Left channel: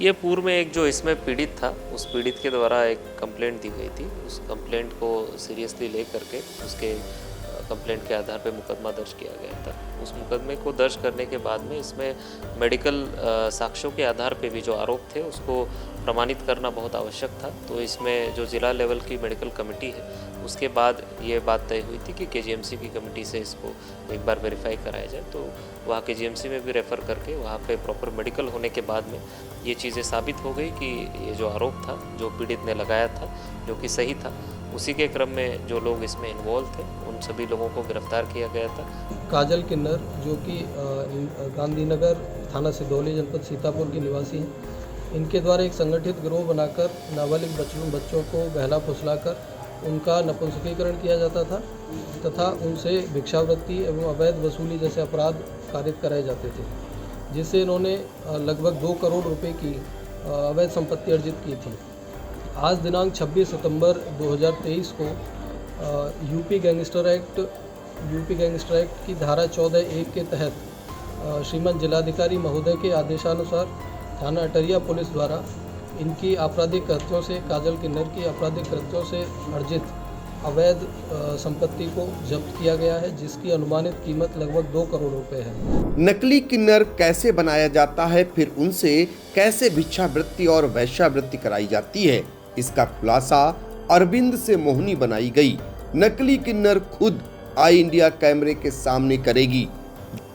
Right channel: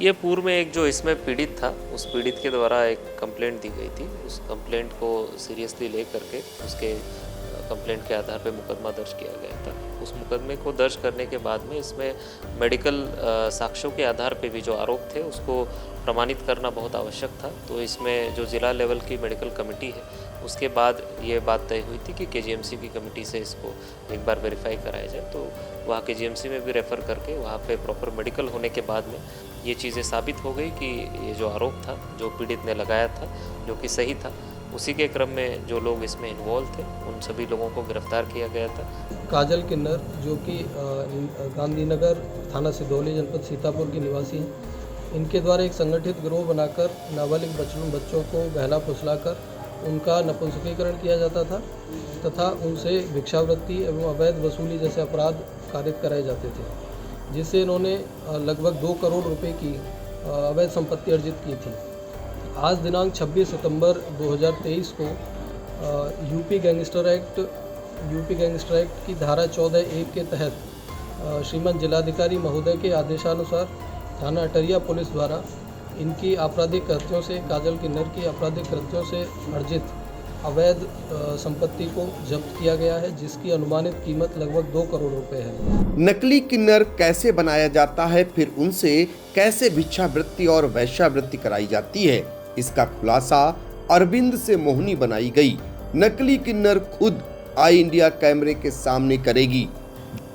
ये पूर्व में एक जो इसमें पीड़ित था, उस पीड़ित के द्वारा एक कंप्लेंट दी गई थी। उस कंप्लेंट को सीरियसली ले करके उसके कंप्लेंट के आधार पे मुकदमा दर्ज किया गया था। उस मुकदमे को दर्ज करने के बाद में इसमें मेडिकल साक्ष्यों के आधार पे भी जो आरोप थे उसको प्रमाणित करना बहुत आवश्यक था। तो इसमें जो ज़िला लेवल की मेडिकल कमेटी है, उसके बाद ये बात तय हुई थी कि केजीएमसी की कमेटी से इसको एक बार वेरीफाई कराया जाए। तो वहाँ केजीएमसी में भी रेफ़र करके वहाँ पे प्रॉपर मेडिकल होने के बाद में ये चीज़ें साबित हो गई कि ये जो आरोप था, जो पीड़ित ने लगाया था, जो कि सही था। उसी के क्रम में जो लोग इसमें इन्वॉल्व थे, उन सभी लोगों को गिरफ्तार किया गया था। काजल किन्नर, जो कि गांधीनगर थाना सिदौली जनपद सीतापुर की निवासी हैं, इनके द्वारा एक संगठित गिरोह बनाकर नाबालिग बच्चों को बहला फुसलाकर उनका नपुंसकीकरण किया जाता था तथा उनसे भिक्षावृत्ति एवं अवैध वसूली जैसे अपराध कारित कराए जाते थे, जिससे इन्होंने लगभग 2 करोड़ रुपए की अवैध संपत्ति अर्जित की थी। आज दिनांक 26 सितंबर 2023 को यूपी गैंगस्टर एक्ट की धारा 14(1) के तहत श्रीमान जिलाधिकारी महोदय के आदेशानुसार थाना अटरिया पुलिस द्वारा इनकी आपराधिक कृत्यों से, काजल किन्नर की आपराधिक कृत्यों से अर्जित अवैध संपत्ति को जब्त किया गया है, जिसकी अनुमानित कीमत लगभग 2 करोड़ रुपए है। नकली किन्नर कैसे बनाया जाता है, फिर उनसे कैसे भिक्षावृत्ति और वैश्यावृत्ति कराई जाती है, इसका खुलासा अरविंद से मोहिनी बनाई गई। नकली किन्नर खुद आई इंडिया कैमरे के सामने करेगी,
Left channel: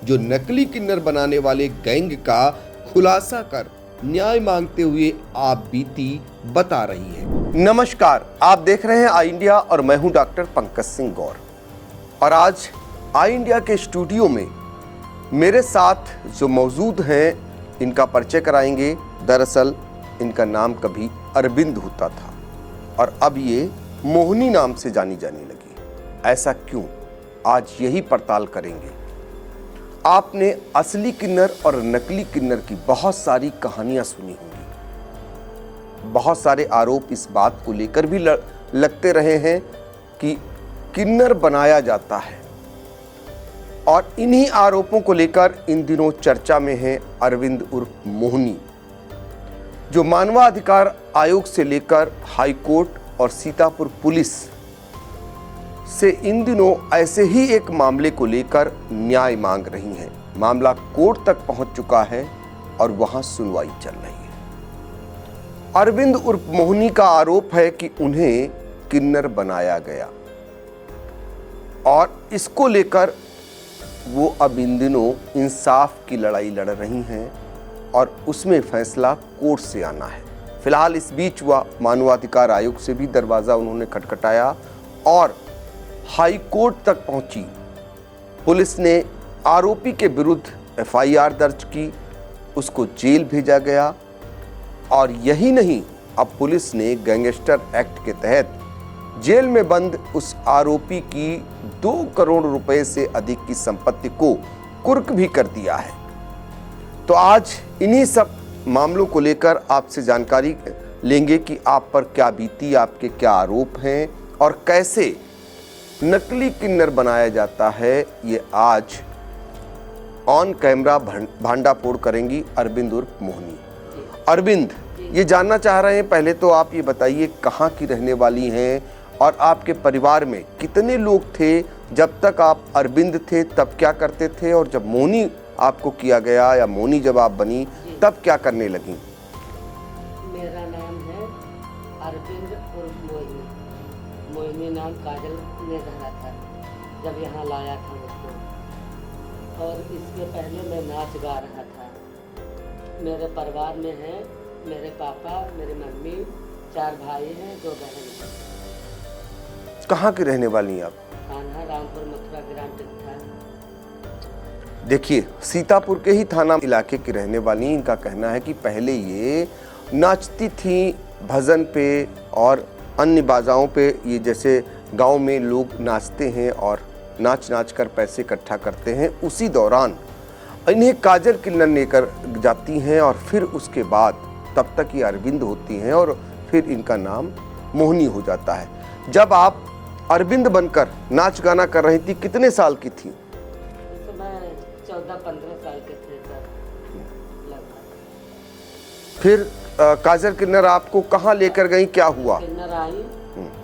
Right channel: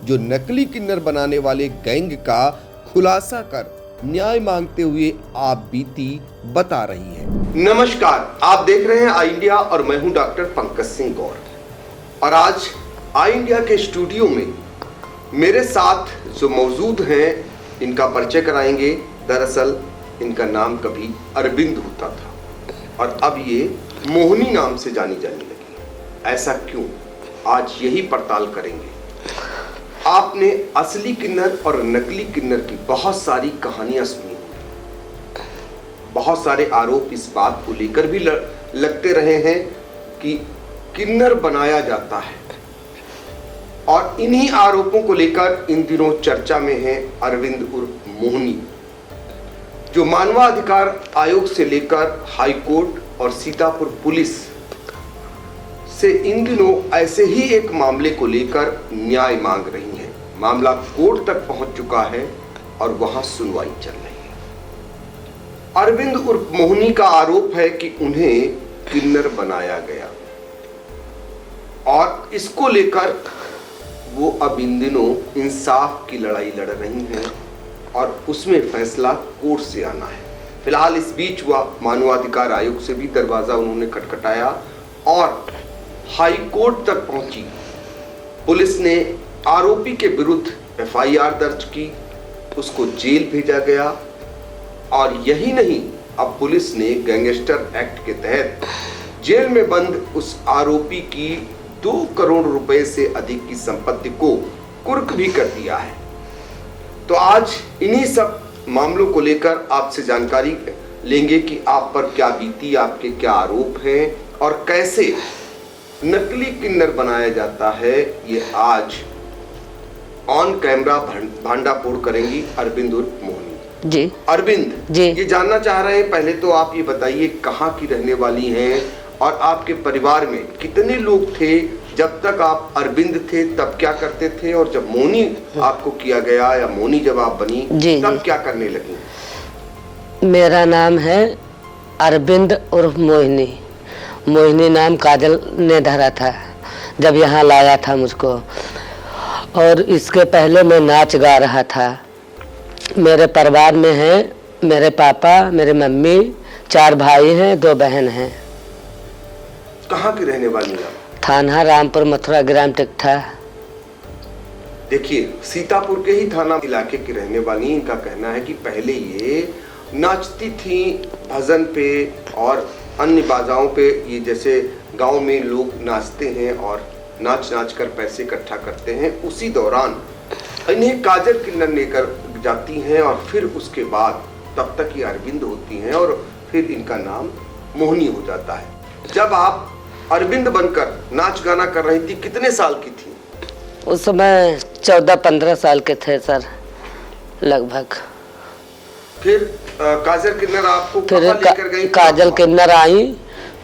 जो नकली किन्नर बनाने वाले गैंग का खुलासा कर न्याय मांगते हुए आप बीती बता रही है। नमस्कार, आप देख रहे हैं आई इंडिया और मैं हूं डॉक्टर पंकज सिंह गौर। और आज आई इंडिया के स्टूडियो में मेरे साथ जो मौजूद हैं, इनका परिचय कराएंगे। दरअसल इनका नाम कभी अरविंद होता था और अब ये मोहिनी नाम से जानी जाने लगी। ऐसा क्यों, आज यही पड़ताल करेंगे। आपने असली किन्नर और नकली किन्नर की बहुत सारी कहानियां सुनी होंगी। बहुत सारे आरोप इस बात को लेकर भी लगते रहे हैं कि किन्नर बनाया जाता है, और इन्हीं आरोपों को लेकर इन दिनों चर्चा में है अरविंद उर्फ मोहिनी, जो मानवाधिकार आयोग से लेकर हाई कोर्ट और सीतापुर पुलिस से इन दिनों ऐसे ही एक मामले को लेकर न्याय मांग रही हैं। मामला कोर्ट तक पहुंच चुका है और वहां सुनवाई चल रही है। अरविंद उर्फ मोहिनी का आरोप है कि उन्हें किन्नर बनाया गया और इसको लेकर वो अब इन दिनों इंसाफ की लड़ाई लड़ रही हैं और उसमें फैसला कोर्ट से आना है। फिलहाल इस बीच वह मानवाधिकार आयोग से भी दरवाजा उन्होंने खटखटाया और हाई कोर्ट तक पहुंची। पुलिस ने आरोपी के विरुद्ध एफआईआर दर्ज की, उसको जेल भेजा गया। और यही नहीं, अब पुलिस ने गैंगस्टर एक्ट के तहत जेल में बंद उस आरोपी की 2 करोड़ रुपए से अधिक की संपत्ति को कुर्क भी कर दिया है। तो आज इन्हीं सब मामलों को लेकर आपसे जानकारी लेंगे कि आप पर क्या बीती, आपके क्या आरोप हैं और कैसे नकली किन्नर बनाया जाता है। ये आज ऑन कैमरा भांडाफोड़ करेंगी अरविंद उर्फ मोहिनी जी। अरविंद जी, ये जानना चाह रहे हैं, पहले तो आप ये बताइए कहाँ की रहने वाली हैं और आपके परिवार में कितने लोग थे? जब तक आप अरविंद थे तब क्या करते थे, और जब मोहिनी आपको किया गया या मोहिनी जब आप बनी तब क्या करने लगी? मेरा नाम है अरविंद उर्फ मोहिनी। मोहिनी नाम काजल ने धरा था जब यहाँ लाया था मुझको, और इसके पहले मैं नाच गा रहा था। मेरे परिवार में है मेरे पापा, मेरे मम्मी, 4 भाई हैं, 2 बहन हैं। कहाँ की रहने वाली हैं आप? थाना रामपुर, मथुरा ग्राम टिकठा। देखिए, सीतापुर के ही थाना इलाके की रहने वाली। इनका कहना है कि पहले ये नाचती थी भजन पे और अन्य बाजाओं पे, ये जैसे गांव में लोग नाचते हैं और नाच कर पैसे इकट्ठा करते हैं, उसी दौरान इन्हें काजल किन्नर लेकर जाती हैं और फिर उसके बाद तब तक ये अरविंद होती हैं और फिर इनका नाम मोहिनी हो जाता है। जब आप अरविंद बनकर नाच गाना कर रही थी, कितने साल की थी? उस समय 14-15 साल के थे सर, लगभग। फिर काजल किन्नर आपको कहाँ लेकर गई? क्या काजल हुआ? किन्नर आई,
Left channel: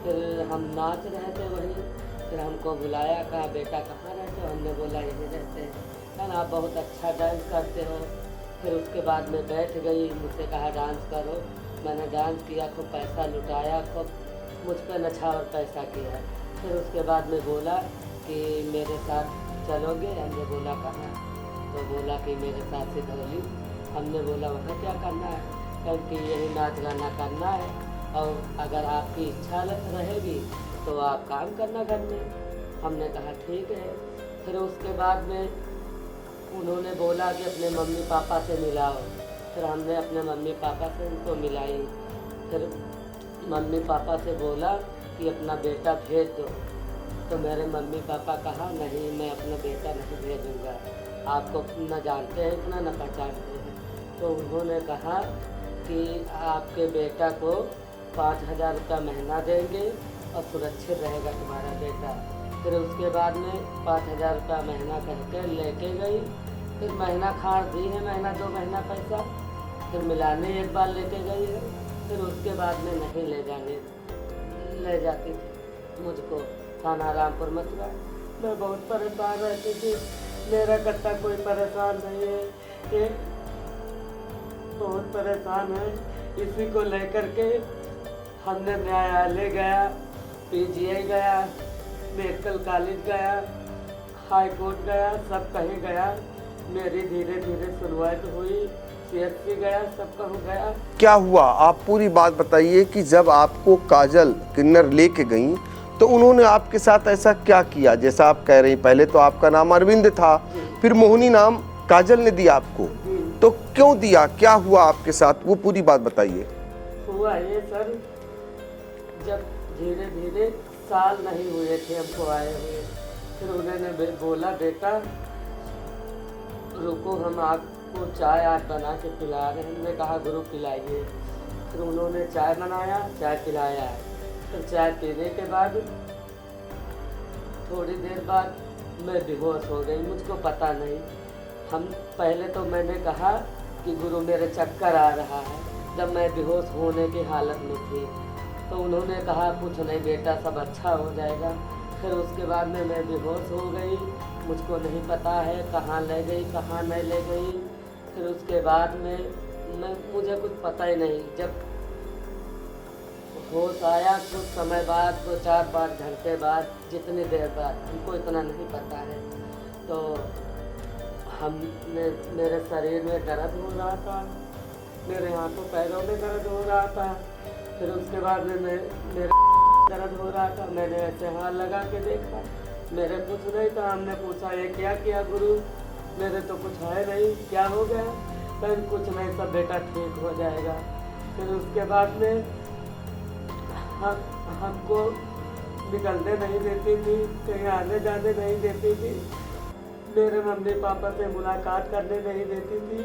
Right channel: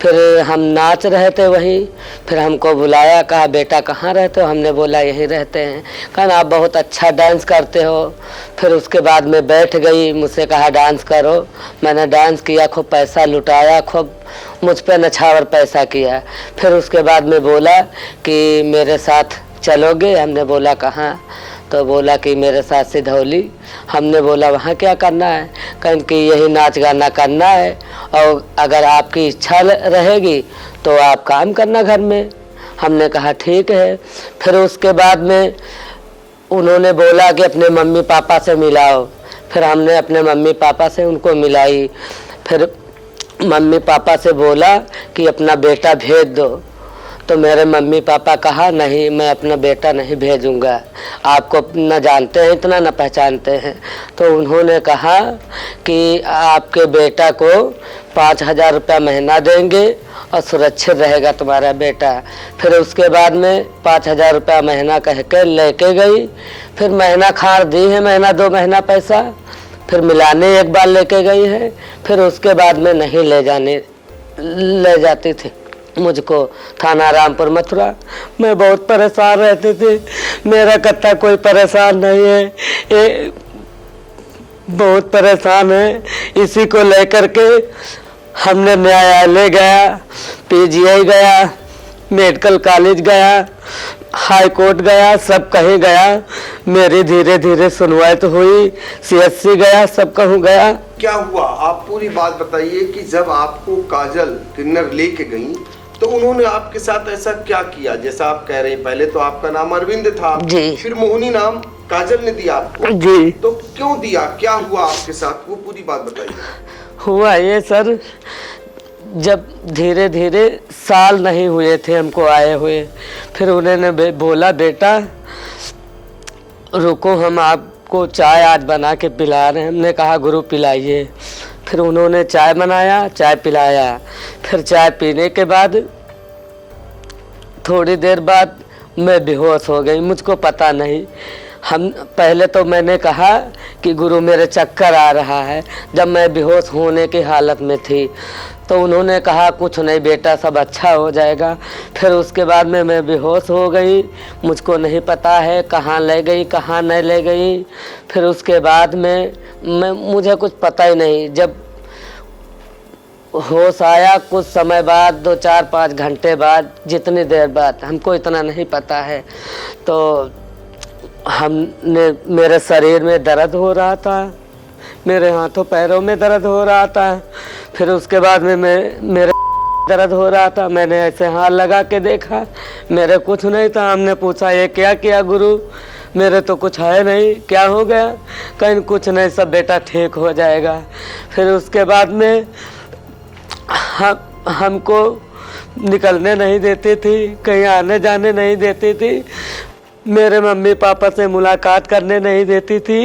फिर हम नाच रहे थे वहीं, फिर हमको बुलाया, कहा बेटा कहाँ रहते हो? हमने बोला यहीं रहते हैं। कहा आप बहुत अच्छा डांस करते हो। फिर उसके बाद में बैठ गई, मुझसे कहा डांस करो। मैंने डांस किया, खूब पैसा लुटाया, खूब मुझ पे नछावर पैसा किया। फिर उसके बाद में बोला कि मेरे साथ चलोगे? हमने बोला कहाँ? तो बोला कि मेरे साथ सिधौली। हमने बोला वहाँ क्या करना है? कहीं कि यही नाच गाना करना है, और अगर आपकी इच्छा रहेगी तो आप काम करना घर में। हमने कहा ठीक है। फिर उसके बाद में उन्होंने बोला कि अपने मम्मी पापा से मिलाओ। फिर हमने अपने मम्मी पापा से उनको मिलाई। फिर मम्मी पापा से बोला कि अपना बेटा भेज दो। तो मेरे मम्मी पापा कहा नहीं, मैं अपना बेटा नहीं भेजूंगा, आपको न जानते हैं इतना न पहचानते हैं। तो उन्होंने कहा कि आपके बेटा को 5,000 रुपया महीना देंगे और सुरक्षित रहेगा तुम्हारा बेटा। फिर उसके बाद में 5,000 रुपया महीना कह के लेके गई। फिर महीना खार दी है, महीना 2 महीना पैसा। फिर मिलाने एक बार लेके गई है। फिर उसके बाद में नहीं ले जाती थी मुझको थाना रामपुर मथुरा। मैं बहुत परेशान रहती थी, मेरा कत्ता कोई परेशान नहीं है, ये बहुत परेशान है। इसी को लेकर के हमने न्यायालय गया, पीजीआई गया, मेडिकल कॉलेज गया, हाई कोर्ट गया, सब कहीं गया। मेरी धीरे धीरे सुनवाई तो हुई, CSC गया, सब कहूँ गया। क्या हुआ? आप पूरी बात बताइए कि जब आपको काजल किन्नर लेके गई तो उन्होंने आपके साथ ऐसा क्या किया? जैसा आप कह रही, पहले तो आपका नाम अरविंद था जी, फिर मोहिनी नाम काजल ने दिया आपको जी। तो क्यों दिया? क्या हुआ आपके साथ? वो पूरी बात बताइए। हुआ ये सर, जब धीरे धीरे साल नहीं हुए थे हमको आए हुए, फिर उन्होंने बोला बेटा रुको, हम आपको चाय आज बना के पिला रहे हैं। हमने कहा गुरु पिलाइए। फिर उन्होंने चाय बनाया, चाय पिलाया। फिर चाय पीने के बाद थोड़ी देर बाद मैं बेहोश हो गई, मुझको पता नहीं। हम पहले तो मैंने कहा कि गुरु मेरे चक्कर आ रहा है, जब मैं बेहोश होने की हालत में थी। तो उन्होंने कहा कुछ नहीं बेटा, सब अच्छा हो जाएगा। फिर उसके बाद में मैं बेहोश हो गई, मुझको नहीं पता है कहाँ ले गई कहाँ नहीं ले गई। फिर उसके बाद में मुझे कुछ पता ही नहीं। जब होश आया कुछ समय बाद, 2, 4, 5 घंटे बाद, जितनी देर बाद हमको इतना नहीं पता है। तो हमने, मेरे शरीर में दर्द हो रहा था, मेरे हाथों पैरों में दर्द हो रहा था। फिर उसके बाद में मेरे दर्द हो रहा था। मैंने ऐसे हाथ लगा के देखा, मेरे कुछ नहीं था। हमने पूछा ये क्या किया गुरु? मेरे तो कुछ है नहीं, क्या हो गया? कहीं कुछ नहीं, सब बेटा ठीक हो जाएगा। फिर उसके बाद में हमको निकलने नहीं देती थी, कहीं आने जाने नहीं देती थी, मेरे मम्मी पापा से मुलाकात करने नहीं देती थी।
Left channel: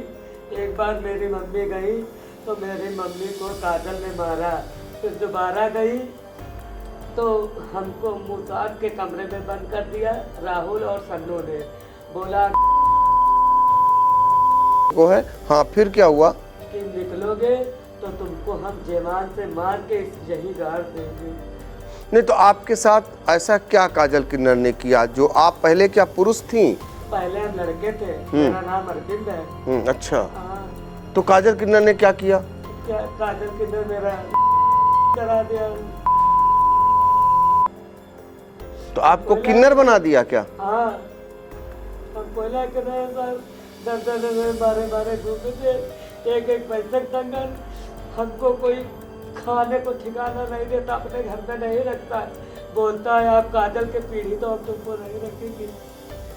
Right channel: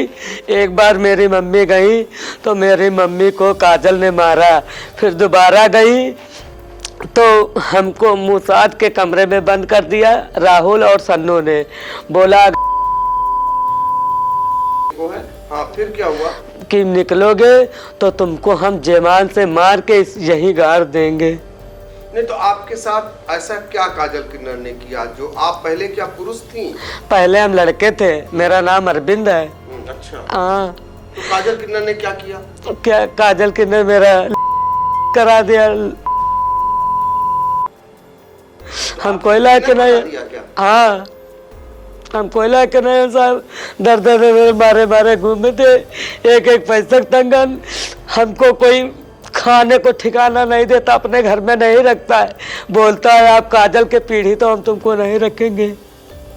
एक बार मेरी मम्मी गई तो मेरी मम्मी को काजल ने मारा। फिर दोबारा गई तो हमको मुसाद के कमरे में बंद कर दिया राहुल और सन्नू ने। बोला वो है। हाँ, फिर क्या हुआ? कि निकलोगे तो तुमको हम जेमान से मार के यही गाड़ देंगे। नहीं तो आपके साथ ऐसा क्या काजल किन्नर ने किया? जो आप पहले क्या पुरुष थी? पहले हम लड़के थे, मेरा नाम अरविंद है। अच्छा। हाँ। तो काजल किन्नर ने क्या किया? क्या काजल किन्नर मेरा करा दिया। तो हमको बना दिया क्या? हाँ, हमको इलाके नहीं साहब, डर मेरे मारे मारे घूमे थे, एक पैसा तंगन। हमको कोई खाने को ठिकाना नहीं देता, अपने घर में नहीं रखता है। बोलता है आप काजल के पीढ़ी तो हम तुमको नहीं रखेंगे।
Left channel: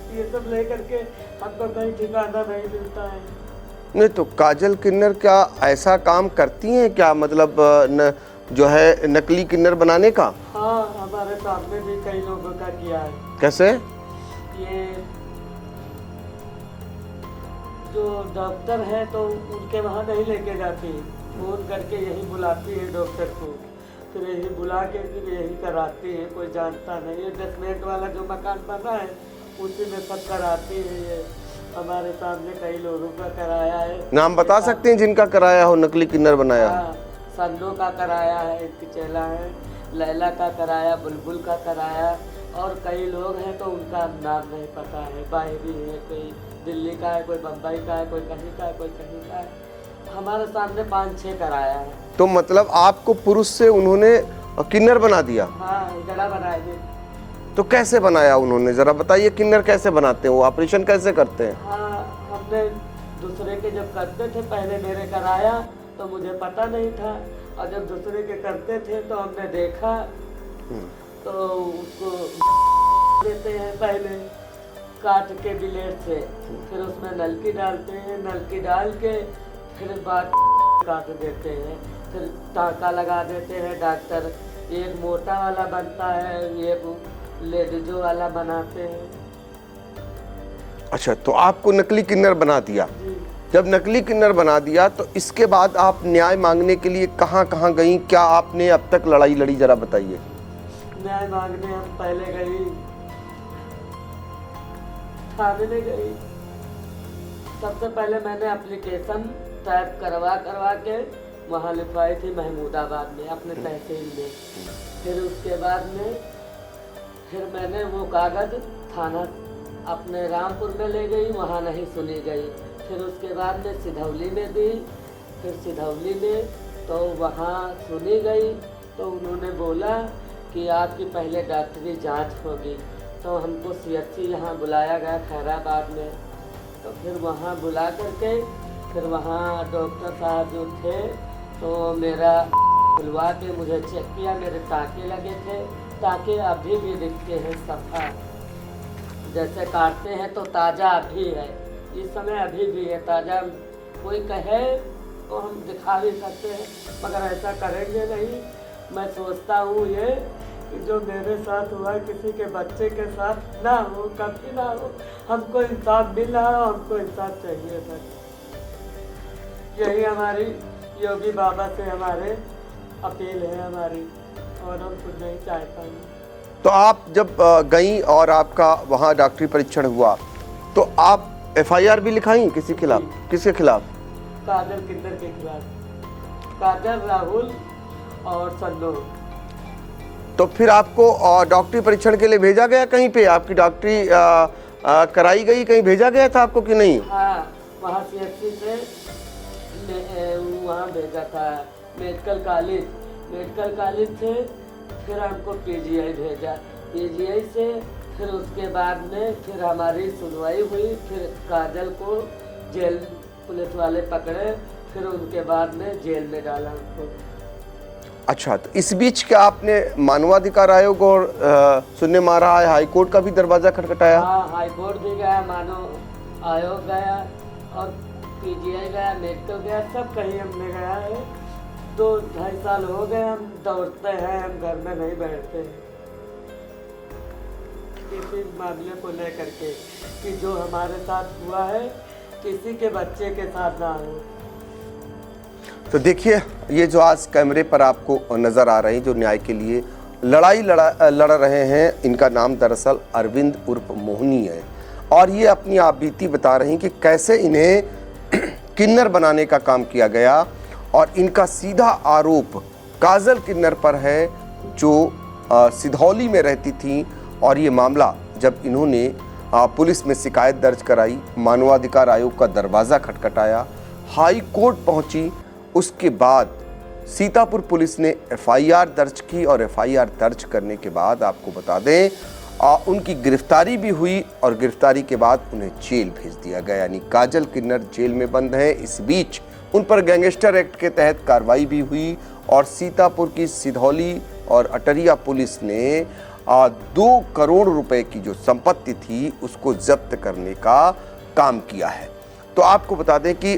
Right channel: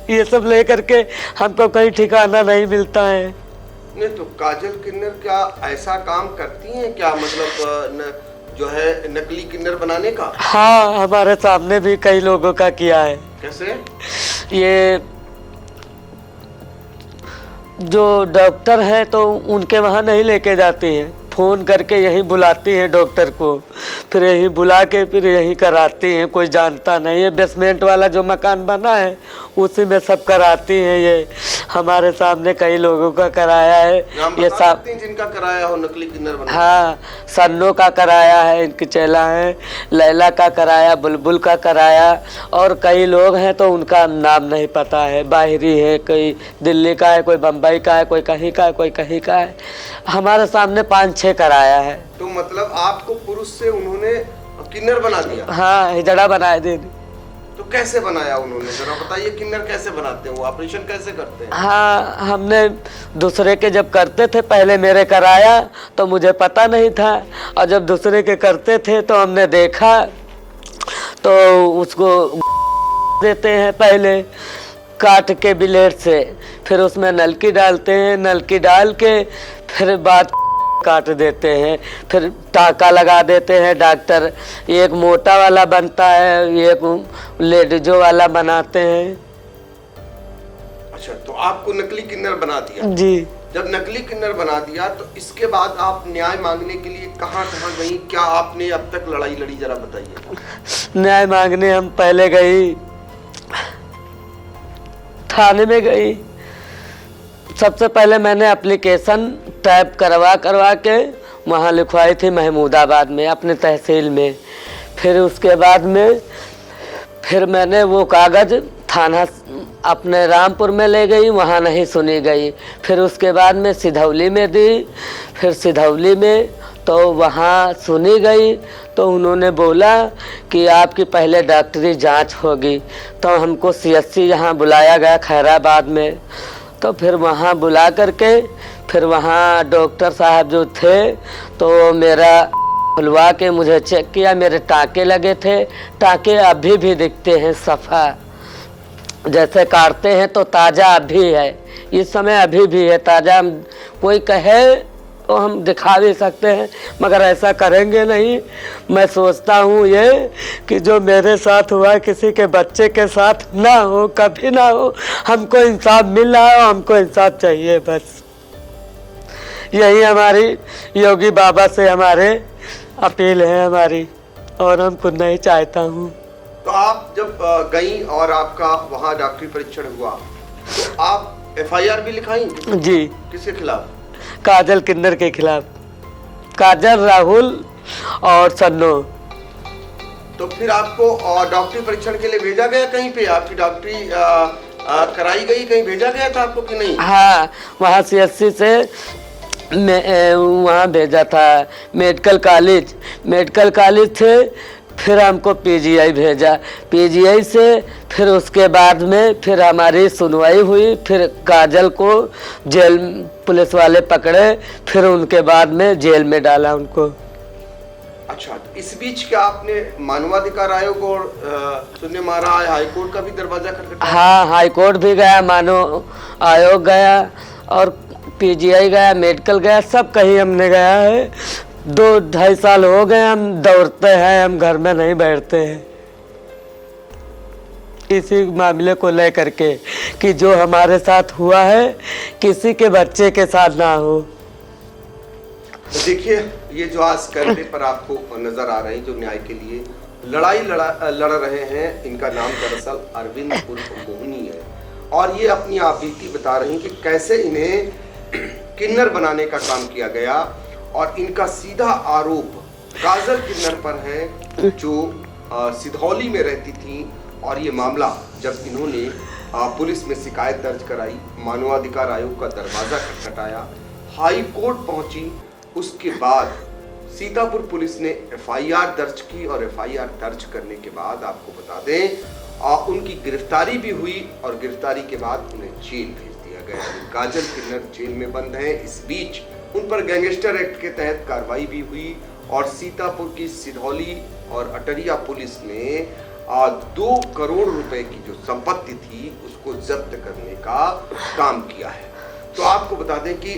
ये सब लेकर के हमको कहीं ठिकाना नहीं मिलता है। नहीं तो काजल किन्नर क्या ऐसा काम करती हैं क्या? मतलब जो है नकली किन्नर बनाने का? हाँ, हमारे सामने भी कई लोगों का किया है। कैसे? ये जो डॉक्टर है तो उनके वहाँ नहीं लेके जाती हैं, फ़ोन करके यहीं बुलाती हैं डॉक्टर को, फिर यहीं बुला के फिर यहीं कराती हैं। कोई जानता नहीं है, बेसमेंट वाला जो मकान बना है उसी में सब कराती हैं। ये हमारे सामने कई लोगों का कराया है। नाम ये बता सकते हैं जिनका कराया हो, नकली किन्नर बनाया? हाँ, सन्नो का कराया है, इनकी चेला है, लैला का कराया, बुलबुल का कराया, और कई लोग हैं तो उनका नाम नहीं पता है। बाहरी है, कोई दिल्ली का है, कोई बम्बई का है, कोई कहीं का है, कोई कहीं का है। हमारे सामने 5-6 कराया है। तो मतलब आपको पुरुष से उन्होंने किन्नर बना दिया? हाँ, हिजड़ा बनाए दे। तो कैसे बनाया उन्होंने, जरा बताइए, किन्नर कैसे बनाते हैं वो, ऑपरेशन कैसे करते हैं? हाँ, हमने दूसरे के जब करते थे, पहले मेरे कराया तो मुझे पता नहीं था, और जब दूसरे के करते थे तो हमने देखा, तो उसको देते हैं पहले काट के ब्लेड से, फिर उसमें नलकी डालते हैं, नलकी डाल के फिर बाद काट देते हैं, फिर टाँका लगा देते हैं डॉक्टर। एक मोटा वाला बनता है, एक लेडीजो वाला बनाते हैं। अच्छा, तो आपको नकली किन्नर बना दिया? जी। जब नकली किन्नर बना दिया तो इसके बाद आप न्याय मांगने के लिए कहाँ कहाँ गई, क्या आपने अब तक लड़ाई लड़ी, जरा बताइए। न्याय मांगने हम पहले गई, थाने में गई। सबसे पहले मैंने एप्लीकेशन टाइप करवा के वहाँ लिखवाई थी महमूदाबाद में, अपने तहसील में। फिर उसके बाद में फिर मैंने वो कागज़ थाना अपने रामपुर में ले गई, वहाँ नहीं सुनी गई। फिर उसके बाद में सिधौली में दी, फिर सिधौली में तो वहाँ सुनी गई, तो उन्होंने बोला कि आपकी पहले डॉक्टरी जांच होगी। तो हमको CSC यहाँ बुलाया गया खैराबाद में, तो फिर वहाँ बुला करके फिर वहाँ डॉक्टर साहब जो थे तो मेरा खुलवा के मुझे चेक किया, मेरे टाँके लगे थे, टाँके अभी भी दिखते हैं सफ़ा, जैसे काटते हैं तो ताज़ा अभी है, इस समय अभी भी है ताज़ा। कोई कहे तो हम दिखा भी सकते हैं, मगर ऐसा करेंगे नहीं। मैं सोचता हूँ ये कि जो मेरे साथ हुआ किसी के बच्चे के साथ ना हो, कभी ना हो। हमको इंसाफ मिल रहा है, हमको इंसाफ चाहिए, बस यही हमारी योगी बाबा से हमारे अपील है हमारी, और हम खुद नहीं चाहता हूँ। तो आप जब गई और आपका वहाँ डॉक्टरी परीक्षण हुआ तो आप FIR भी लिखाई किसके खिलाफ? जी। किसके खिलाफ? काजल किन्नर के खिलाफ, काजल, राहुल और सन्नो। तो फिर आपको डॉक्टरी परीक्षण के लिए भेजा गया कहीं पे? आपकी डॉक्टरी कराई गई, कहीं भेजा गया था आपको कि नहीं? हाँ, वहाँ CSC से वहाँ भेजा था, मेडिकल कॉलेज से फिर हमको PGI भेजा, PGI से फिर उसके बाद में फिर हमारी सुनवाई हुई, फिर काजल को जेल पुलिस वाले पकड़े, फिर उनके बाद में जेल में डाला उनको। अच्छा, तो इस बीच क्या आपने मानवाधिकार आयोग और सुनने मारा है, हाई कोर्ट का भी दरवाजा खटखटाया? हाँ, हाई कोर्ट भी गया, मानव आयोग गया, और PGI गया, मेडिकल गया, सब कहीं हमने गया है। 2-2.5 साल हो गए हम दौड़ते हैं, हम घर में नहीं बैठते हैं इसी मामले को लेकर के कि जो हमारे साथ हुआ है किसी के बच्चे के साथ ना हो। तो देखिए, ये जो आज कैमरे पर आपको नजर आ रहे हैं, जो न्याय के लिए लड़ाई लड़ रहे हैं, इनका नाम दरअसल अरविंद उर्फ मोहनी है, और ये अपनी आप बीती बता रहे हैं कि कैसे इन्हें किन्नर बनाने का काम किया गया, और इनका सीधा आरोप काजल किन्नर पर है, जो सिधौली में रहती थी। और ये मामला जब इन्होंने पुलिस में शिकायत दर्ज कराई, मानवाधिकार आयोग का दरवाज़ा खटखटाया, हाई कोर्ट पहुंची, उसके बाद सीतापुर पुलिस ने FIR दर्ज की, और FIR दर्ज करने के बाद आपको बता दें उनकी गिरफ्तारी भी हुई, और गिरफ्तारी के बाद उन्हें जेल भेज दिया गया। यानी काजल किन्नर जेल में बंद है। इस बीच उन पर गैंगस्टर एक्ट के तहत कार्रवाई भी हुई, और सीतापुर की सिधौली और अटरिया पुलिस ने 2 करोड़ रुपए की जो संपत्ति थी उसको जब्त करने का काम किया है। तो आपको बता दें कि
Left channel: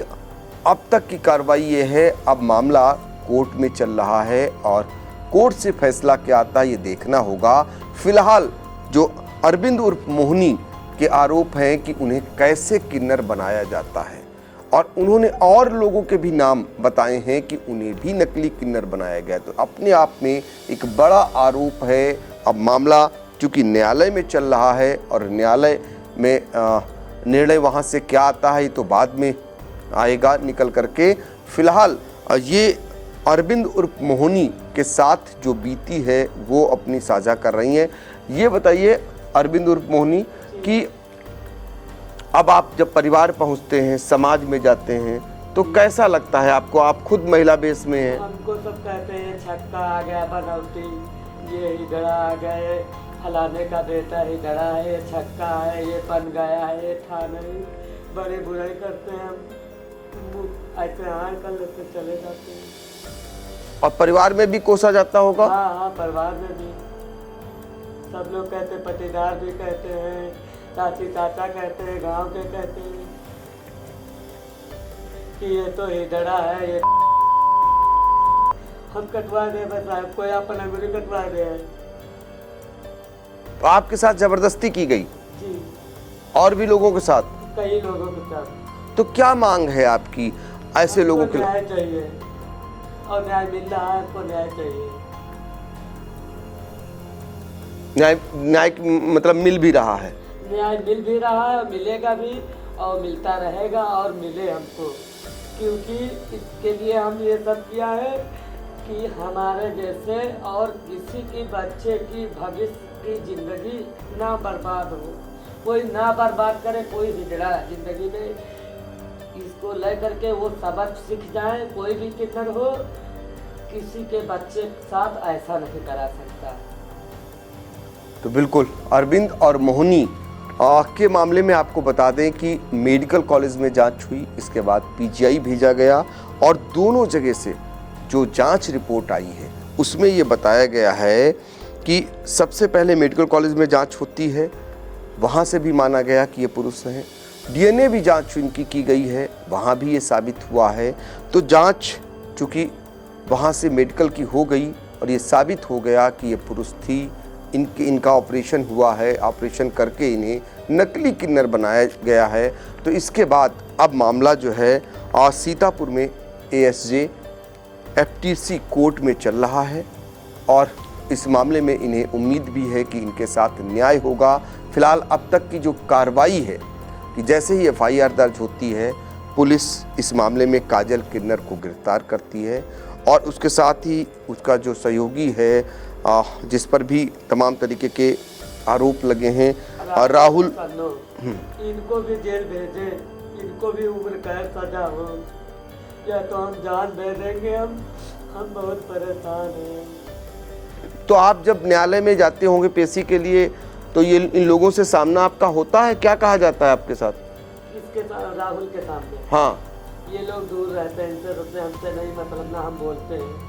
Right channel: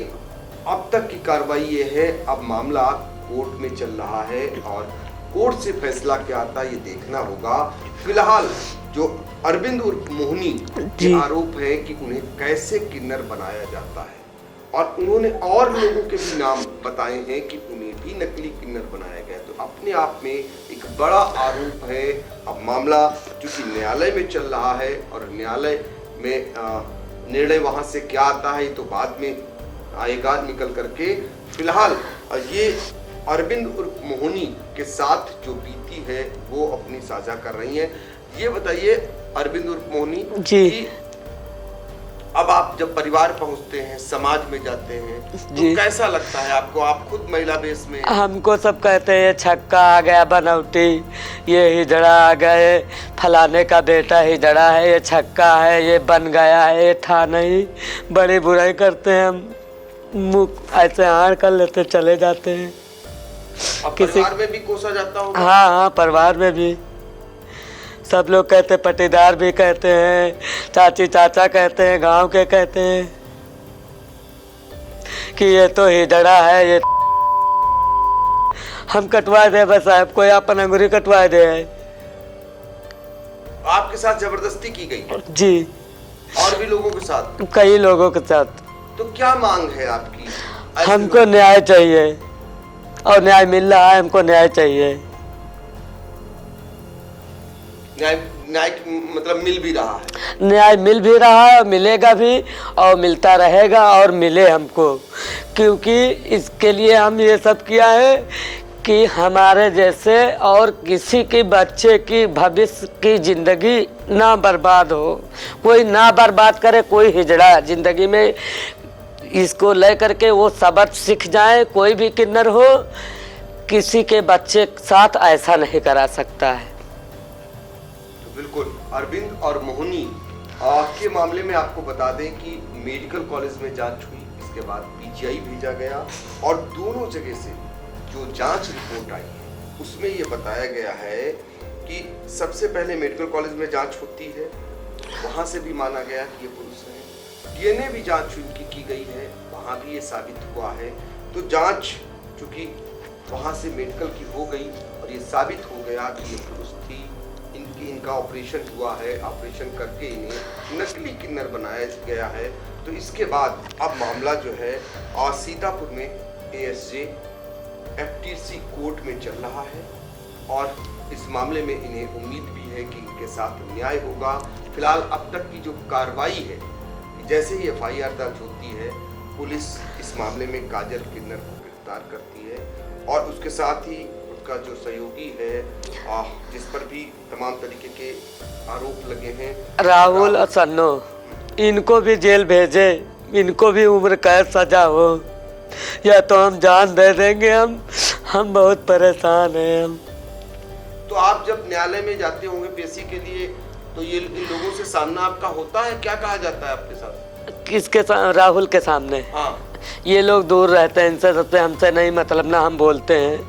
अब तक की कार्रवाई ये है, अब मामला कोर्ट में चल रहा है, और कोर्ट से फैसला क्या आता है ये देखना होगा। फिलहाल जो अरविंद उर्फ मोहनी के आरोप हैं कि उन्हें कैसे किन्नर बनाया जाता है, और उन्होंने और लोगों के भी नाम बताए हैं कि उन्हें भी नकली किन्नर बनाया गया। तो अपने आप में एक बड़ा आरोप है। अब मामला चूंकि न्यायालय में चल रहा है और न्यायालय में निर्णय वहां से क्या आता है तो बाद में आएगा निकल करके। फिलहाल ये अरविंद उर्फ मोहनी के साथ जो बीती है वो अपनी साझा कर रही हैं। ये बताइए अरविंद उर्फ मोहनी कि अब आप जब परिवार पहुंचते हैं, समाज में जाते हैं, तो कैसा लगता है आपको? आप खुद महिला बेस में हैं। हमको सब कहते हैं ये छक्का आ गया, बनौटी, ये हिजड़ा आ गए, फलाने का बेटा हिजड़ा है, ये छक्का है, ये बन गया है, ये था नहीं। बड़ी बुराई करते हैं, हम मुँह ऐसे हार कर लेते चले जाते हैं। और परिवार में भी कोसा जाता होगा? हाँ हाँ, परिवार में भी सब लोग कहते, पटीदार भी कहते हैं, चाची चाचा कहते हैं, गांव के कहते हैं कि ये तो हिजड़ा है, ये हम कटवा दे बस साहब, कोई अपन अंगूरी कटवा दे। आपके साथ जबरदस्ती की गई? जी। और भी लोगों के साथ? कई लोगों के साथ। तो क्या मांग है आपकी? ऐसे हमको लोगों की? न्याय चाहिए और न्याय मिल रहा है, हमको न्याय चाहिए। न्याय मतलब मिल भी रहा है? न्याय मिल भी रहा है, मिलेगा भी और मिलता रहेगा और मिले हमको, क्योंकि इसके लिए हम ये सब किया है कि हमारे जैसे और किसी के बच्चे की भविष्य की जिंदगी ना बर्बाद हो, कोई ना बर्बाद करे, कोई हिजड़ा जिंदगी में इसको ले करके वो सबक सीख जाए। कोई भी किन्नर हो, किसी के बच्चे के साथ ऐसा नहीं करा सकता है। तो बिल्कुल अरविंद और मोहनी के मामले में आपको बता दें कि मेडिकल कॉलेज में जांच हुई, इसके बाद पीजीआई भेजा गया और दोनों जगह से जो जांच रिपोर्ट आई है उसमें ये बताया गया है कि सबसे पहले मेडिकल कॉलेज में जांच होती है, वहाँ से भी माना गया कि ये पुरुष हैं। डीएनए भी जांच इनकी की गई है, वहाँ भी ये साबित हुआ है। तो जांच चूँकि वहाँ से मेडिकल की हो गई और ये साबित हो गया कि ये पुरुष थी, इनका ऑपरेशन हुआ है, ऑपरेशन करके इन्हें नकली किन्नर बनाया गया है। तो इसके बाद अब मामला जो है सीतापुर में एएसजे एफटीसी कोर्ट में चल रहा है और इस मामले में इन्हें उम्मीद भी है कि इनके साथ न्याय होगा। फिलहाल अब तक की जो कार्रवाई है कि जैसे ही एफआईआर दर्ज होती है, पुलिस इस मामले में काजल किन्नर को गिरफ्तार करती है और उसके साथ ही उसका जो सहयोगी है जिस पर भी तमाम तरीके के आरोप लगे हैं, राहुल सन्नो, इनको भी जेल भेजे, इनको भी उम्र कैद सजा हो, या तो हम जान दे देंगे। हम बहुत परेशान हैं हम। तो आप जब न्यायालय में जाते होंगे पेशी के लिए, तो ये इन लोगों से सामना आपका होता है? क्या कहा जाता है आपके साथ? किसके साथ? राहुल के सामने। हाँ, ये लोग दूर रहते हैं इनसे, सबसे हमसे नहीं मतलब ना हम बोलते हैं,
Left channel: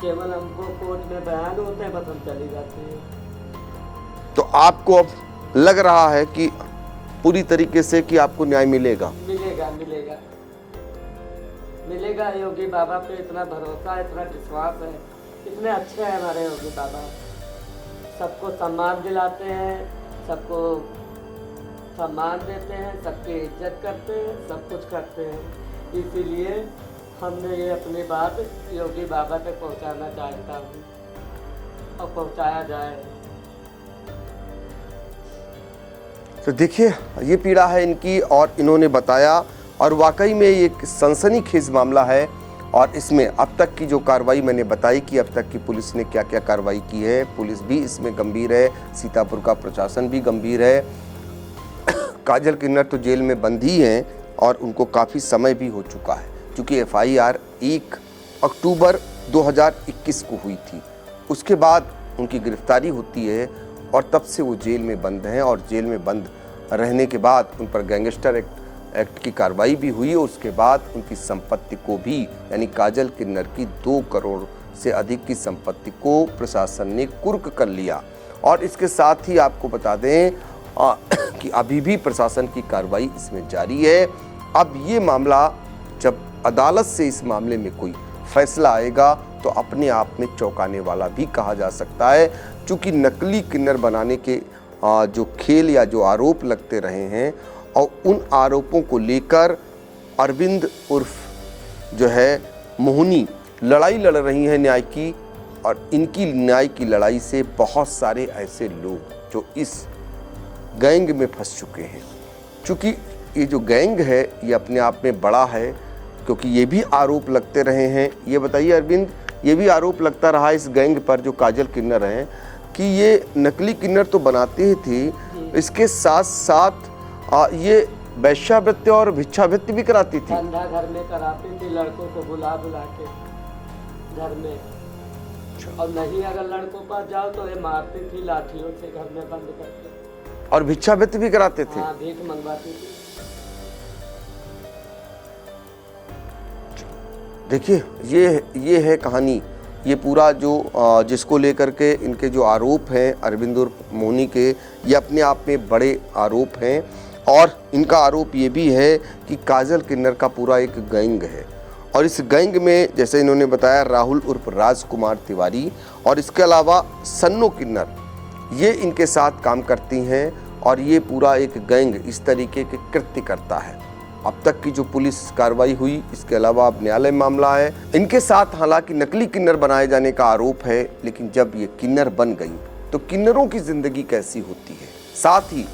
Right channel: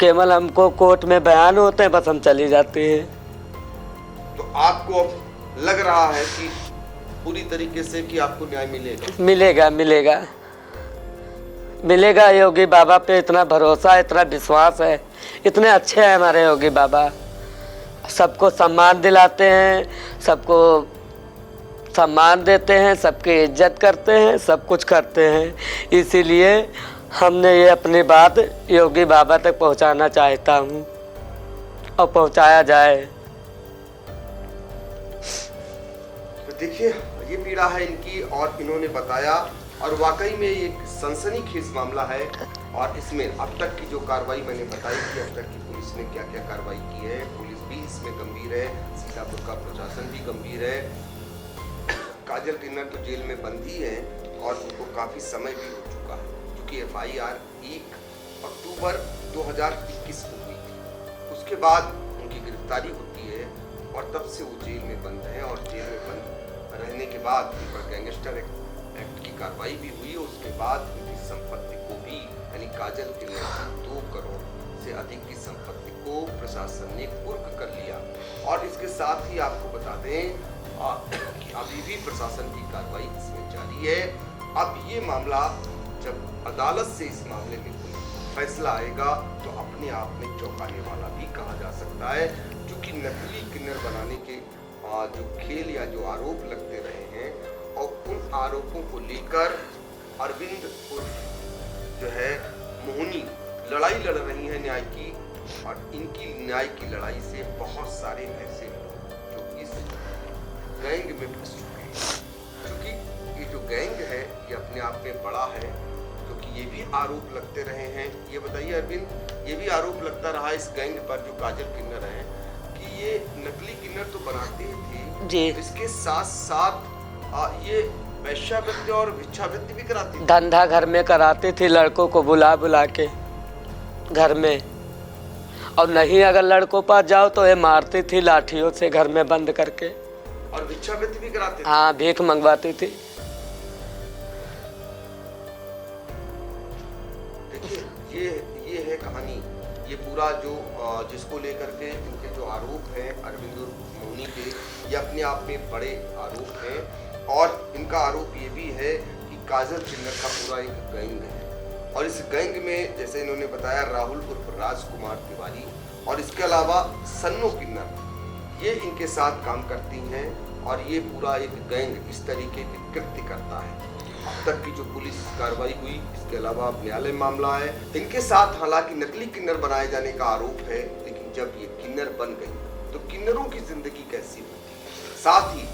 केवल हमको कोर्ट में बयान होते हैं, बस हम चली जाते हैं। तो आपको अब लग रहा है कि पूरी तरीके से कि आपको न्याय मिलेगा? मिलेगा मिलेगा मिलेगा। योगी बाबा पे इतना भरोसा, इतना विश्वास है, इतने अच्छे हैं हमारे योगी बाबा, सबको सम्मान दिलाते हैं, सबको सम्मान देते हैं, सबकी इज्जत करते हैं, सब कुछ करते हैं। इसीलिए हमने ये अपनी बात योगी बाबा तक पहुंचाना चाहता हूँ और पहुंचाया जाए। तो देखिए ये पीड़ा है इनकी और इन्होंने बताया और वाकई में ये एक सनसनीखेज मामला है। और इसमें अब तक की जो कार्रवाई मैंने बताई कि अब तक की पुलिस ने क्या क्या कार्रवाई की है, पुलिस भी इसमें गंभीर है, सीतापुर का प्रशासन भी गंभीर है। काजल किन्नर तो जेल में बंद ही हैं और उनको काफ़ी समय भी हो चुका है, क्योंकि एफआईआर 1 अक्टूबर 2021 को हुई थी। उसके बाद उनकी गिरफ्तारी होती है और तब से वो जेल में बंद हैं और जेल में बंद रहने के बाद उन पर गैंगस्टर एक्ट की कार्रवाई भी हुई। उसके बाद उनकी संपत्ति को भी, यानी काजल किन्नर की 2 करोड़ से अधिक की संपत्ति को प्रशासन ने कुर्क कर लिया। और इसके साथ ही आपको बता दें कि अभी भी प्रशासन की कार्रवाई इसमें जारी है। अब ये मामला जब अदालत से इस मामले में कोई फैसला आएगा तो अपने आप में चौंकाने वाला भी कहा जा सकता है, क्योंकि नकली किन्नर बनाने के जो खेल या जो आरोप लगते रहे हैं और उन आरोपों को लेकर अरविंद उर्फ जो है मोहिनी लड़ाई लड़ रही हैं न्याय की, और इनकी न्याय की लड़ाई से बहुत सारे ऐसे लोग जो इस गैंग में फंस चुके हैं। क्योंकि ये जो गैंग है ये अपने आप में बड़ा है, क्योंकि ये भी आरोप लगते रहे हैं। ये बताइए अरविंद, ये भी आरोप लगता रहा इस गैंग पर जो काजल किन्नर हैं कि ये नकली किन्नर तो बनाते ही थे, इसके साथ साथ ये वैश्यावृत्ति और भिक्षावृत्ति भी कराती थी। धंधा घर में कराती थी, लड़कों को बुला बुला के घर में, और नहीं अगर लड़कों पास जाओ तो ये मारती थी लाठियों से घर में बंद करके। और भिक्षावृत्ति भी कराते थे? हाँ, भीख मंगवाती थी। देखिए ये है कहानी, ये पूरा जो जिसको लेकर के इनके जो आरोप हैं अरविंद उर्फ मोहिनी के, ये अपने आप में बड़े आरोप हैं। और इनका आरोप ये भी है कि काजल किन्नर का पूरा एक गैंग है, और इस गैंग में जैसे इन्होंने बताया राहुल उर्फ राजकुमार तिवारी और इसके अलावा सन्नो किन्नर, ये इनके साथ काम करती हैं, और ये पूरा एक गैंग इस तरीके के कृत्य करता है। अब तक की जो पुलिस कार्रवाई हुई, इसके अलावा अब न्यायालय मामला है। इनके साथ हालांकि नकली किन्नर बनाए जाने का आरोप है, लेकिन जब ये किन्नर बन गई तो किन्नरों की जिंदगी कैसी होती है। साथ ही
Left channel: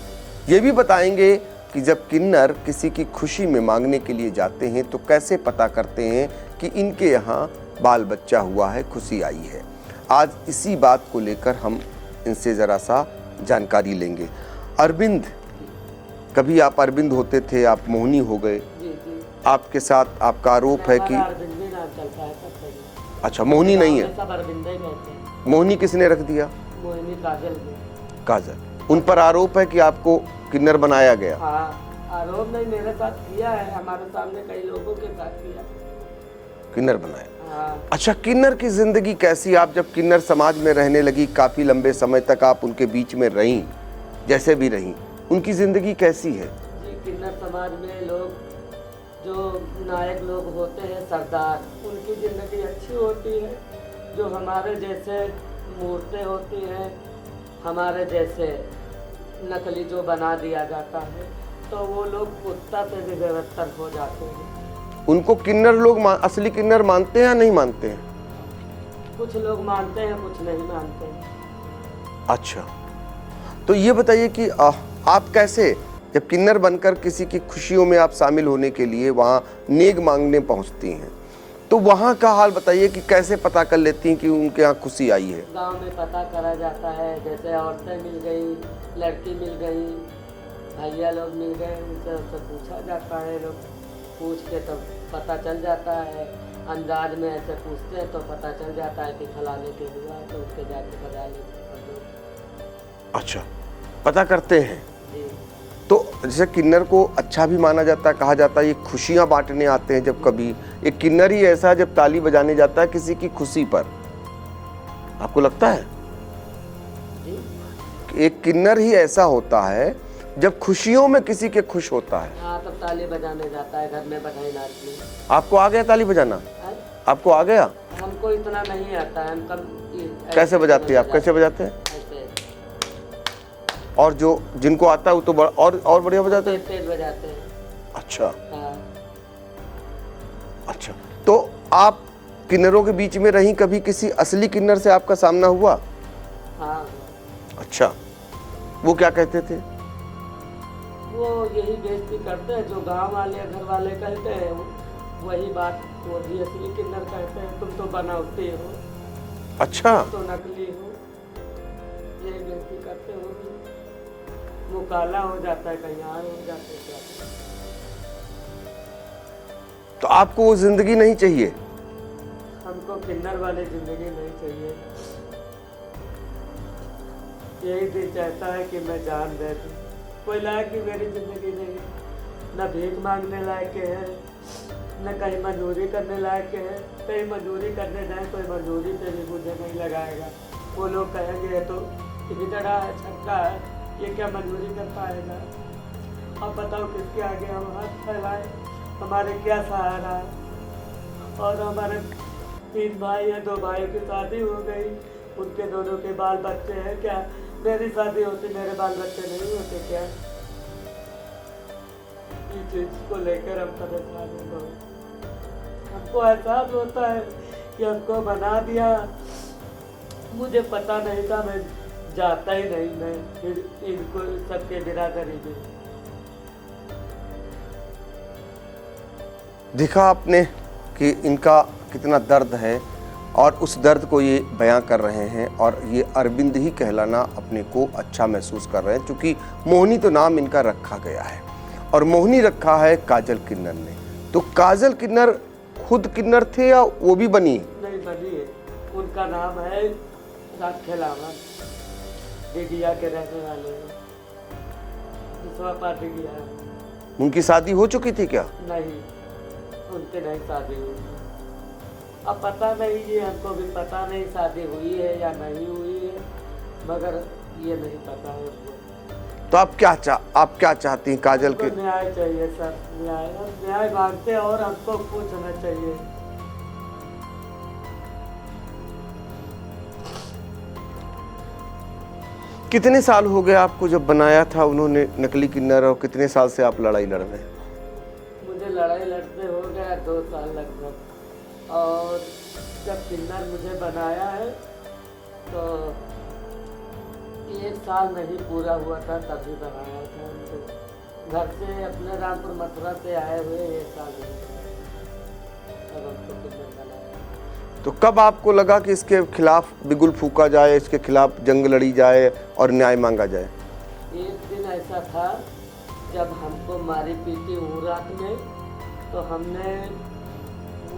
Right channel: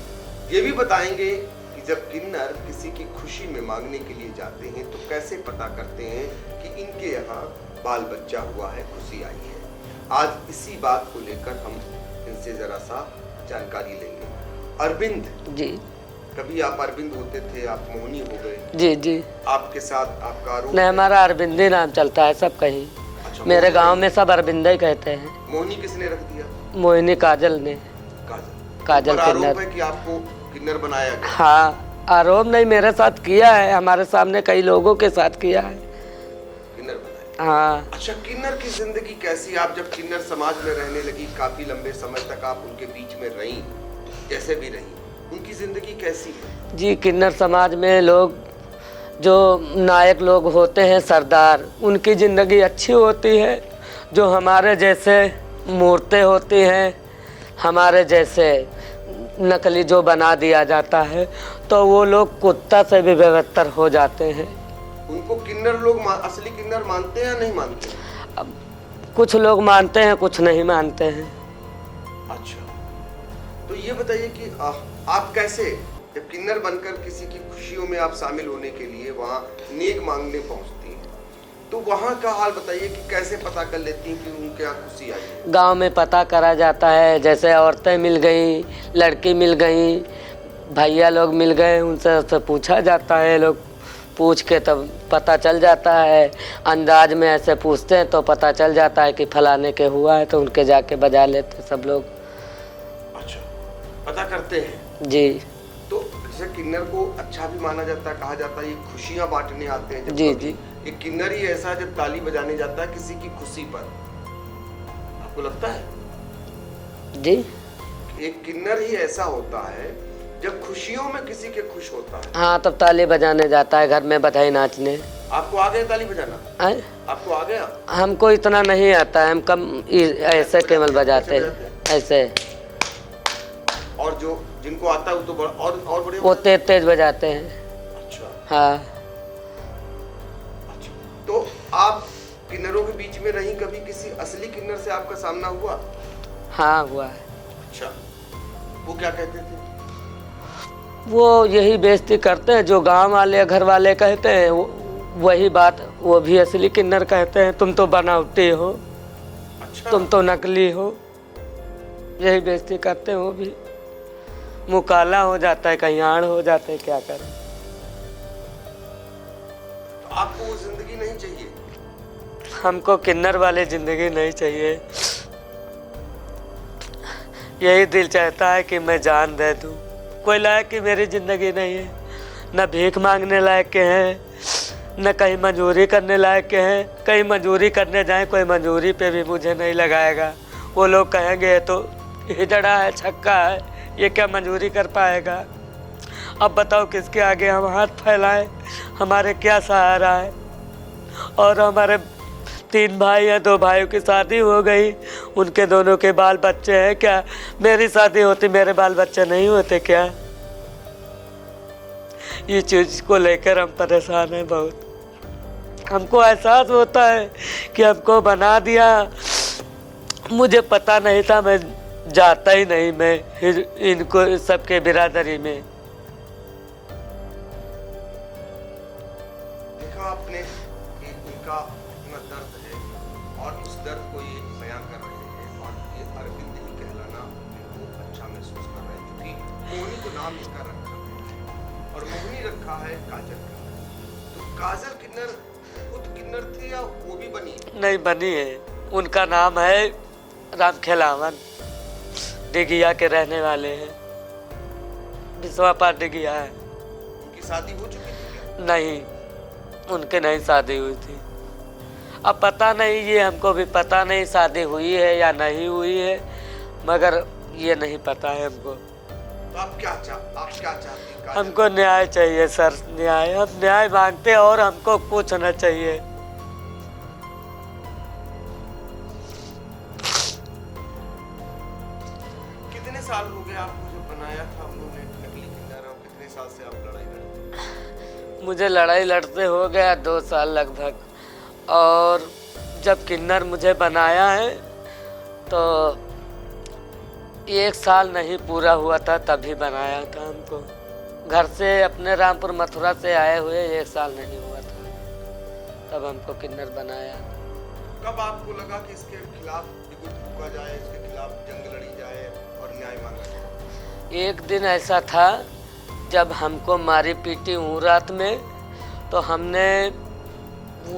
ये भी बताएंगे कि जब किन्नर किसी की खुशी में मांगने के लिए जाते हैं तो कैसे पता करते हैं कि इनके यहाँ बाल बच्चा हुआ है, खुशी आई है। आज इसी बात को लेकर हम इनसे जरा सा जानकारी लेंगे। अरविंद जी, कभी आप अरविंद होते थे, आप मोहिनी हो गए। जी जी, आपके साथ आपका आरोप है हमारा कि अरविंद ही नाम चलता है सब कहीं। अच्छा, मेरे मोहिनी गांव नहीं में है? सब अरविंद ही कहते हैं। मोहिनी किसने रख दिया? मोहिनी काजल ने। काजल। उन काजल पर आरोप किन्नर। है कि आपको किन्नर बनाया गया। हाँ, आरोप नहीं, मेरे साथ किया है, हमारे सामने कई लोगों के साथ किया है। किन्नर बनाया। हाँ। अच्छा, किन्नर की जिंदगी कैसी? आप जब किन्नर समाज में रहने लगी, काफी लंबे समय तक आप उनके बीच में रहीं, जैसे भी रहीं, उनकी जिंदगी कैसी है? जी, किन्नर समाज में लोग जो नायक लोग होते हैं, सरदार, उनकी ज़िंदगी अच्छी होती है। जो हमारे जैसे मूर्तें होती हैं, हमारे जैसे नकली जो बना दिया जाता है, तो वो लोग कुत्ता से भी बेहतर हो जाते हैं। उनको किन्नर लोग असली किन्नर मानते हैं या नहीं मानते हैं? अब कुछ लोग मानते हैं, कुछ नहीं मानते हैं। अच्छा, तो ये बताइए कि आप कैसे, जब किन्नर बनकर किसी की खुशियों में आप शामिल होने के लिए वहाँ नेग मांगने पहुँचती हैं, तो वहाँ का हाल बताइए कि कैसे पता कर लेती हैं कि उनके यहाँ खुशी आई है? गांव में पता करा जाता है, जैसे औरतें मिल गई, लड़की मिल गई, भैया लोग मिल गए, उनसे पूछा जाता है। लोग पूछ के तब पता चल जाता है। अंदाज में ऐसे पूछते हैं तो पता चल जाता है कि फलाने के हुआ है, तो उनके जाके बजा लेते सब लोग। अच्छा, पता करते हैं जी। तो जैसे किन्नर को अच्छा भी माना जाता है, कहा जाता है ये खुशियां बांटने आते हैं। जब जी, कभी जी। एक किन्नर ही ऐसा जब ताली बजाने जाता है किसी की खुशी पर, आपको लगता है? जी, एक किन्नर ही ऐसा होता है जब खुशियों में किसी के खुश होता है। हाँ, तब ताली बजाने जाता है, घर में बधाई नाचने। आपको आ गया ताली बजाना? आए? आपको आ गया? हमको इतना नहीं आता है, हम कम ऐसे बजाते केवल हैं? कैसे बजाते हैं? ऐसे। और जो जिनको आता है वो तो और बढ़िया वो बजाते हैं? तेज तेज बजाते हैं। अच्छा हाँ। अच्छा, तो आप किन्नरों के बीच में रही, कभी किसी असली किन्नर से आपका सामना हुआ? हाँ, हुआ है। अच्छा, वो क्या कहते थे? वो यही बेइज्जती करते हैं जो गांव वाले घर वाले कहते हैं, वही बात वो भी असली किन्नर कहते हैं। तुम तो बनावटी हो, अच्छा, तुम तो नकली हो, यही बेइज्जती करते हैं। वो भी मुँह काला हो जाता है, कहीं आड़ हो जाते हैं, क्या करें। तो आपको वो जिंदगी नहीं चाहिए? हमको किन्नर वाली जिंदगी नहीं चाहिए। यही दिल चाहता है कि मैं जान दे दूं। कोई लायक की मेरी जिंदगी नहीं है, न भीख मांगने लायक के हैं, न कहीं मजदूरी करने लायक के हैं। कहीं मजदूरी करने जाए, कोई मजदूरी पे भी मुझे नहीं लगाएगा। वो लोग कहेंगे तो हिजड़ा है, छक्का है, ये क्या मजदूरी कर पाएगा। अब बताओ किसके आगे हम हाथ फैलाएं, हमारे क्या सहारा है। और हमारे 3 भाई हैं, 2 भाइयों की शादी हो गई, उनके दोनों के बाल बच्चे हैं। क्या मेरी शादी होती मेरे बाल बच्चे नहीं होते क्या? ये चीज़ को लेकर हम परेशान हैं बहुत। हमको एहसास होता है कि हमको बना दिया, मुझे पता नहीं था, मैं जाता ही नहीं मैं इनको सबके बिरादरी में। देखा आपने कि इनका कितना दर्द है और उस दर्द को ये बयां कर रहे हैं, और ये अरविंद ही कहलाना अपने को अच्छा महसूस कर रहे हैं, क्योंकि मोहिनी तो नाम इनका रखा गया है और मोहिनी रखा है काजल किन्नर ने। तो काजल किन्नर खुद किन्नर थे या वो भी बनी? नहीं, बनी है। उनका नाम है राम खेलावन, डिगिया के रहने वाले हैं, विश्वापार डिगिया है। उनकी शादी हो चुकी थी क्या? नहीं, उनके नहीं शादी हुई थी। अब पता नहीं, ये हमको भी पता नहीं शादी हुई है या नहीं हुई है, मगर ये नहीं पता है हमको। तो आप क्या चाहती हैं काजल? हमको न्याय चाहिए सर, न्याय। हम न्याय मांगते हैं और हमको कुछ होना चाहिए। कितने साल हो गए आपको जब बनाया था उन्होंने नकली किन्नर, और कितने साल से आप लड़ाई लड़ रहे हैं? मुझे लड़ाई लड़ते हो गया 2 साल लगभग, और जब किन्नर मुझे बनाया है तो 1 साल नहीं पूरा हुआ था, तभी बनाया था हमको। घर से अपने रामपुर मथुरा से आए हुए 1 साल नहीं हुआ था, तब हमको किन्नर बनाया। तो कब आपको लगा कि इसके खिलाफ बिगुल फूका जाए, इसके खिलाफ जंग लड़ी जाए और न्याय मांगा जाए? एक दिन ऐसा था जब हमको मारी पीटी हुई रात में, तो हमने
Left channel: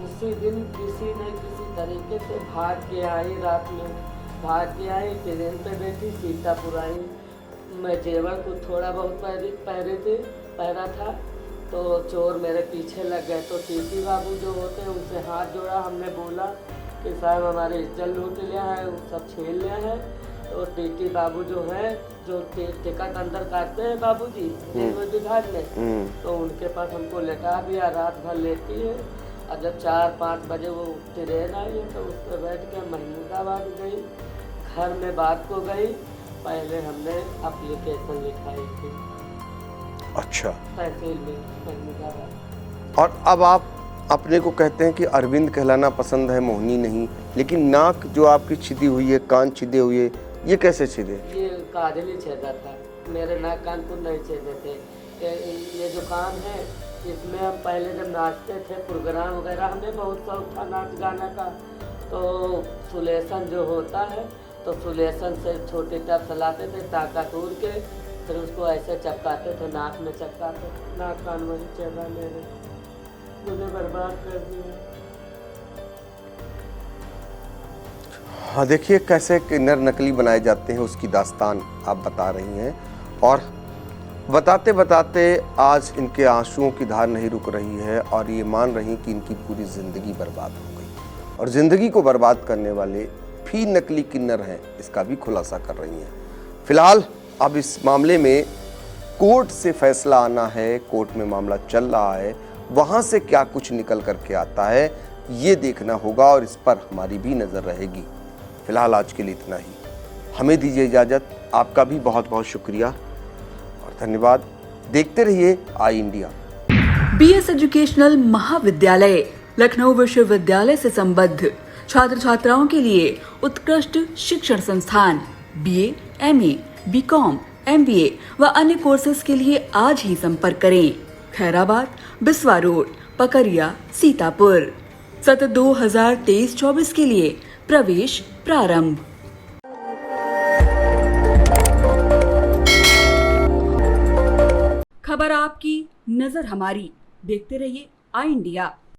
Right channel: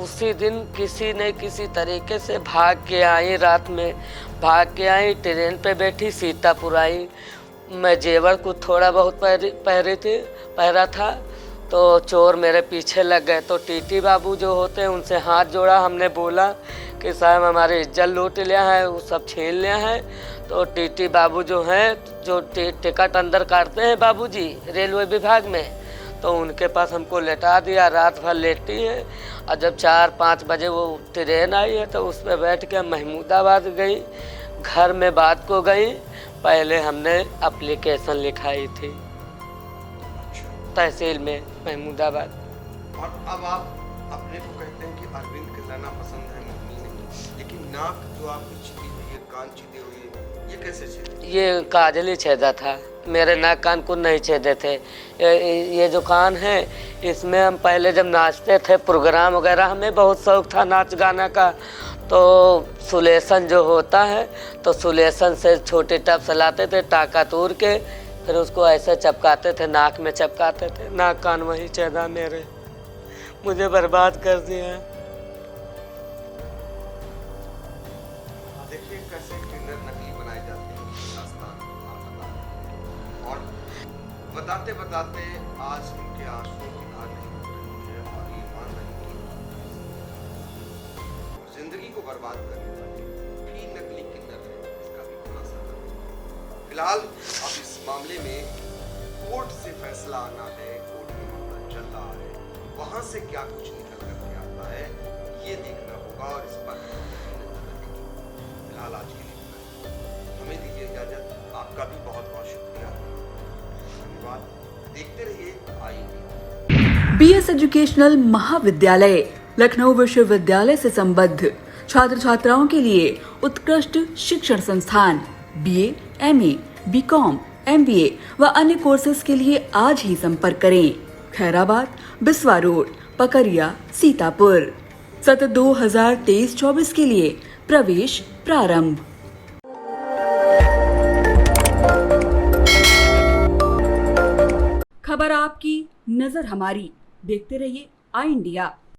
उसी दिन किसी न किसी तरीके से भाग के आई, रात में भाग के आई, ट्रेन पे बैठी, सीतापुर आई। मैं जेवर को थोड़ा बहुत पहरा था, तो चोर मेरे पीछे लग गए। तो टीटी बाबू जो होते हैं उनसे हाथ जोड़ा, हमने बोला कि साहब हमारी इज्जत लूट लिया है, वो सब छीन लिया है। तो टीटी बाबू जो हैं, जो टिकट अंदर काटते हैं बाबूजी रेलवे विभाग में, तो उनके पास हमको लेटा दिया, रात भर लेटी है। और जब 4-5 बजे वो ट्रेन आई है तो उस पर बैठ के महमूदाबाद गई, घर में बात को गई। पहले हमने एप्लीकेशन लिखाई थी, अच्छा, तहसील में महमूदाबाद। और अब आप अपने को कहते हैं कि अरविंद कहलाना पसंद है, मोहिनी नहीं, लेकिन नाक जो आपकी छिदी हुई है, कान छिदे हुए, ये कैसे छिदे? ये काजल ही छेदा था, मेरे नाक कान को नहीं छेदे थे। ये जो कान है, इसमें हम पहले जब नाचते थे, प्रोग्राम वगैरह, हमें बहुत शौक था नाच गाना का, तो सुलेसन जो होता है, तो सुलेसन से छोटे टप से लाते थे, टाका तोड़ के फिर उसको ऐसे चपकाते थे, नाक में चपकाते थे। नाक कान वही छेदा मेरे, मुझे बर्बाद कर दिया। हाँ, देखिए कैसे किन्नर नकली बनाए जाते हैं, उसकी दास्तान आप बता रही हैं, और बताते बताते आज इनके आंसुओं की धार नहीं रुक रही है, और ये मान रही कि इनकी पूरी ज़िंदगी बर्बाद हो गई, और ज़िंदगी को बर्बाद करने वाले भी नकली किन्नर हैं, इसका भी खुलासा कर रही हैं। फिलहाल अब इस मामले में कोर्ट से फैसला आना है, कोर्ट में मामला चल रहा है, वहाँ से क्या कुछ निकल करके आता है ये देखना होगा, और इस पर हमारी भी नज़र रहेगी। फिलहाल आज के लिए इतना ही, हमें दीजिए इजाज़त। आपका भी बहुत बहुत शुक्रिया और धन्यवाद। देखते रहिए आई इंडिया। BS एजुकेशनल महाविद्यालय लखनऊ विश्वविद्यालय से संबद्ध छात्र छात्राओं के लिए उत्कृष्ट शिक्षण संस्थान, BA, MA, BCom, MBA व अन्य कोर्सेज के लिए आज ही संपर्क करें। खैराबाद, बिस्वा रोड, पकरिया, सीतापुर। सत्र 2023-24 के लिए प्रवेश प्रारंभ। खबर आपकी, नजर हमारी। देखते रहिए आई इंडिया।